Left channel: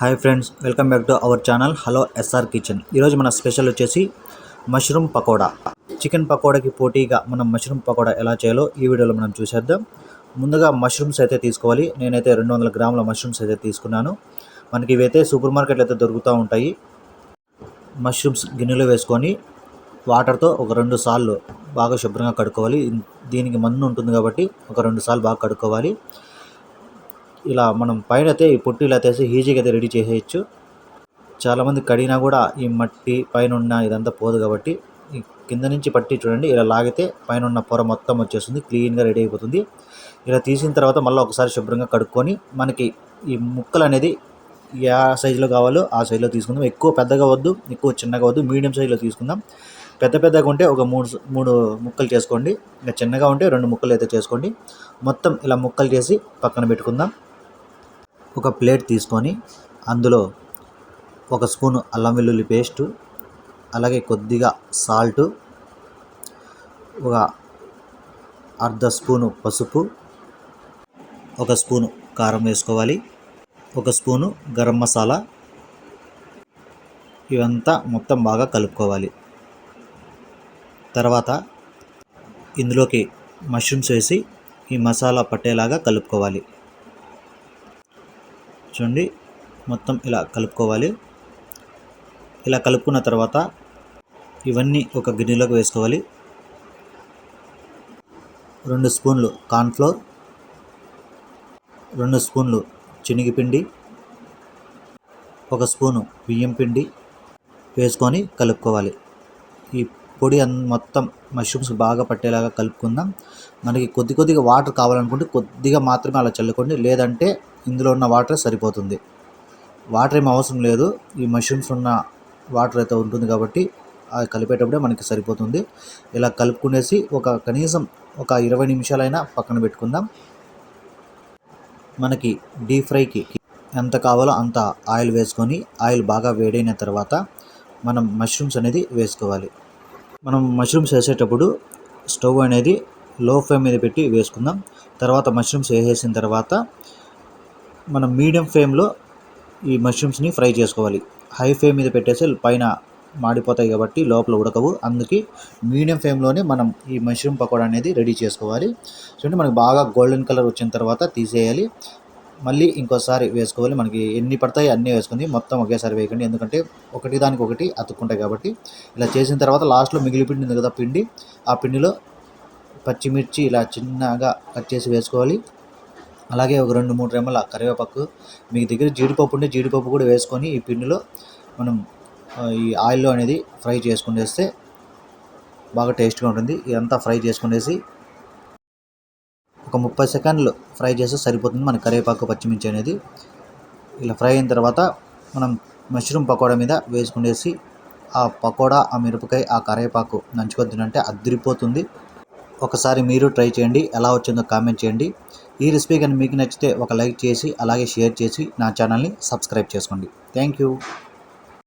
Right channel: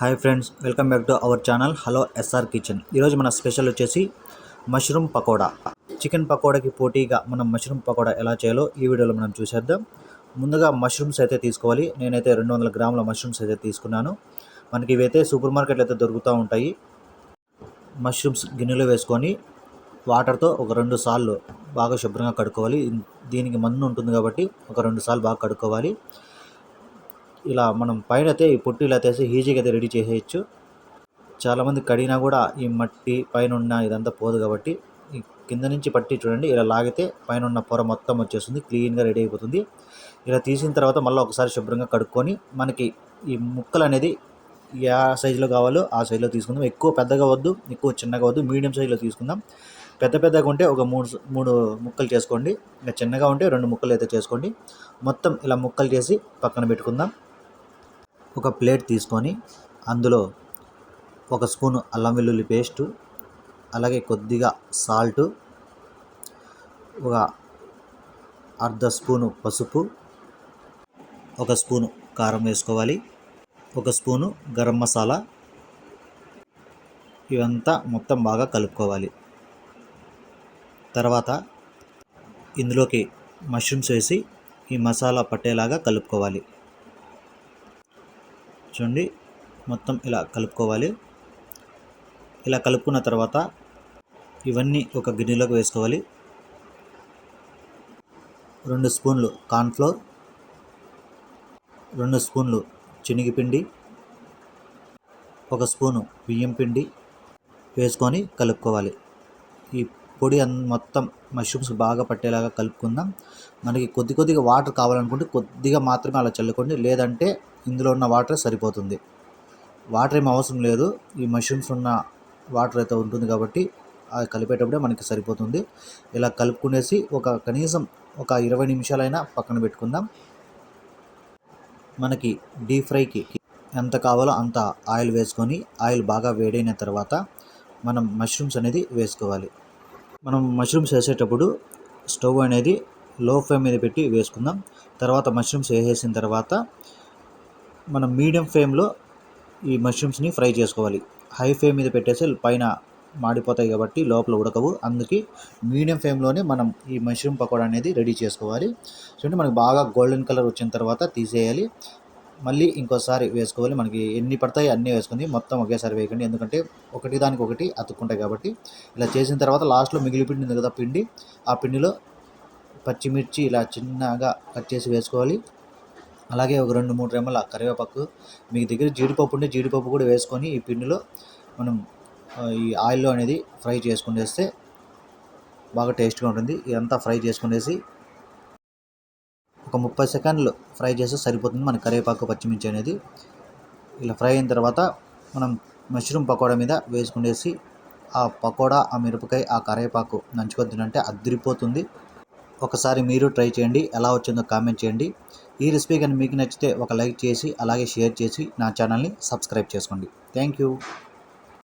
Hi friends, welcome back to our channel hello SR kitchen. ఈరోజు మన special వచ్చేసి mushroom pakoda. Chicken పకోడాకి పోటీగా మనం మష్రూమ్ పకోడా ఎలా చేయాలో ఈ వీడియోలో మనం చూసేద్దాం. ముందుగా మష్రూమ్స్ అయితే తీసుకోవాలి. నేనైతే 200 గ్రాముల మష్రూమ్స్ అయితే తీసుకున్నాను. మనకి ఇవైతే సూపర్ మార్కెట్లో అయితే దొరుకుతూ ఉంటాయి. మష్రూమ్స్ గిన్నెలో వేసుకొని వాటర్తో ఒక 2 సార్లు బాగా శుభ్రంగా కడుక్కోవాలి. దీనికి మన్ను ఉంటుంది కాబట్టి ఒక 2 సార్లు బాగా కడుక్కోవాలి. ఇలా మనం పైన అయితే ఈ పొట్టు ఇలా తీసి ఈజీగా అయితే రెడీ చేసేయచ్చు. చాలామంది కడిగినా కూడా ఈ మట్టి పైన ఉన్న ఇదంతా పోదు కాబట్టి ఈ కింద నుంచి పట్టి చూడండి, ఇలా లాగితే పైన ఉన్న పొర మొత్తం వచ్చేస్తుంది, క్లీన్గా రెడీ అయిపోతుంది. ఇలా తీసిన తర్వాత మళ్ళీ ఒకసారి శుభ్రంగా కడుక్కొని మనకి ఈ ముక్కలు అనేది ఏ సైజులో కావాలో ఆ సైజులో తీసుకుందాం. ఎక్కువ పెద్దగా వద్దు, ఎక్కువ చిన్నగా వద్దు, మీడియం సైజులో తీసుకుందాం. పెద్దగా ఉంటే ఒక మూడు ముక్కలు చేసుకోండి. ఇంకా చిన్నగా ఉంటే 2 ముక్కలు అయితే చేసుకోండి. మొత్తం ఇలా ముక్కలు చేసి పక్కన పెట్టుకుందాం. ఒక ప్లేట్ తీసుకొని అందులో 1 స్పూను అల్లం వెల్లుల్లి పేస్టు, అలాగే కొద్దిగా సాల్టు, ఒక అర్ధ స్పూను పసుపు, 1 స్పూను కారం వేసుకోవాలి, 1 స్పూను గరం మసాలా. ఇవంతా మొత్తం బాగా కలుపుకోవాలి. తర్వాత ఇందులోకి మష్రూమ్స్ వేసి ఈ మసాలా పట్టేలాగా కలుపుకోవాలి. చూడండి, మొత్తం ఇలా కలుపుకోవాలి. ఇలా కలుపుకున్న తర్వాత ఇవన్నీ ఒక గిన్నెలోకి వేసుకోవాలి. 2 స్పూన్లు కార్న్ఫ్లోర్, 2 స్పూన్లు శనగపిండి, 1 స్పూను బియ్యం పిండి వేసుకొని కలుపుకోవాలి. ఈ పొడి మొత్తం మష్రూమ్స్ బాగా పట్టేలాగా కలుపుకుందాం. మనకి కొద్దిగా వాటర్ కావాలనుకుంటే కొద్దిగా మాత్రమే అలా చల్లుకోండి, లేదంటే ఇందులో ఉన్న వాటర్ సరిపోతుంది. వాటర్ ఏం అవసరం లేదు, ఈ మష్రూమ్స్ ఉన్న వాటర్ అయితే ఉంటుంది కాబట్టి అది కలిపేటప్పుడే మనకి సరిపోతుంది. ఇలా కలుపుకునేసి కనీసం ఒక 20 నిమిషాలైనా పక్కన పెట్టుకుందాం. మనకి డీప్ ఫ్రైకి ఎంత కావాలో అంత ఆయిల్ వేసుకొని ఆయిల్ బాగా వేడైన తర్వాత మనం మష్రూమ్స్ అనేది వేసుకోవాలి. మనం మష్రూమ్స్ వేసేటప్పుడు స్టవ్ అనేది లో ఫ్లేమ్ మీద పెట్టి వేసుకుందాం. తర్వాత మష్రూమ్స్ వేసేసిన తర్వాత మనం మీడియం ఫ్లేమ్లో ఈ మష్రూమ్స్ని ఫ్రై చేసుకోవాలి. హై ఫ్లేమ్ మీద పెట్టేసి పైన మాడిపోతాయి కాబట్టి లోపల ఉడకవు. అందుకే మీడియం ఫ్లేమ్లోనే మనం ఈ మష్రూమ్ పకోడా అనేది రెడీ చేసుకోవాలి. చూడండి, మనకి బాగా గోల్డెన్ కలర్ వచ్చిన తర్వాత తీసేయాలి. మళ్ళీ ఇంకోసారి వేసుకోవాలి. మనకి ఎన్ని పడతాయి అన్నీ వేసుకుంది, మొత్తం ఒకేసారి వేయకండి, ఎందుకంటే ఒకటి దానికి ఒకటి అతుక్కుంటాయి కాబట్టి. ఇలా చేసిన తర్వాత లాస్ట్లో మిగిలి పిండి ఉంది కదా, ఆ పిండిలో పచ్చిమిర్చి ఇలా చిన్నగా కట్ చేసి వేసుకోవాలి. అలాగే ఒక 2-3 రెమ్మల కరివేపాకు, మీ దగ్గర జీడిపప్పు ఉంటే జీడిపప్పు కూడా వేసుకొని ఈ పిండిలో మనం ఈ ఆయిల్లో అనేది ఫ్రై చేసుకునేస్తే బాగా టేస్ట్గా ఉంటుంది. ఇదంతా ఫ్రై చేసుకునేసి ఒక 30 సెకండ్లు ఫ్రై చేస్తే సరిపోతుంది మన కరివేపాకు పచ్చిమిర్చి అనేది. ఇలా ఫ్రై అయిన తర్వాత మనం మష్రూమ్ పకోడా మీద వేసుకునేసి ఆ పకోడా, ఆ మిరపకాయ, ఆ కరివేపాకు నంచుకొని తినంటే అదిరిపోతుంది. ఒకసారి మీరు ట్రై చేయండి, ఎలా వచ్చిందో కామెంట్ చేయండి. ఈ రెసిపీ కానీ మీకు నచ్చితే ఒక లైక్ చేసి అలాగే షేర్ చేసి నా ఛానల్ని సబ్స్క్రైబ్ చేసుకోండి. Thank you.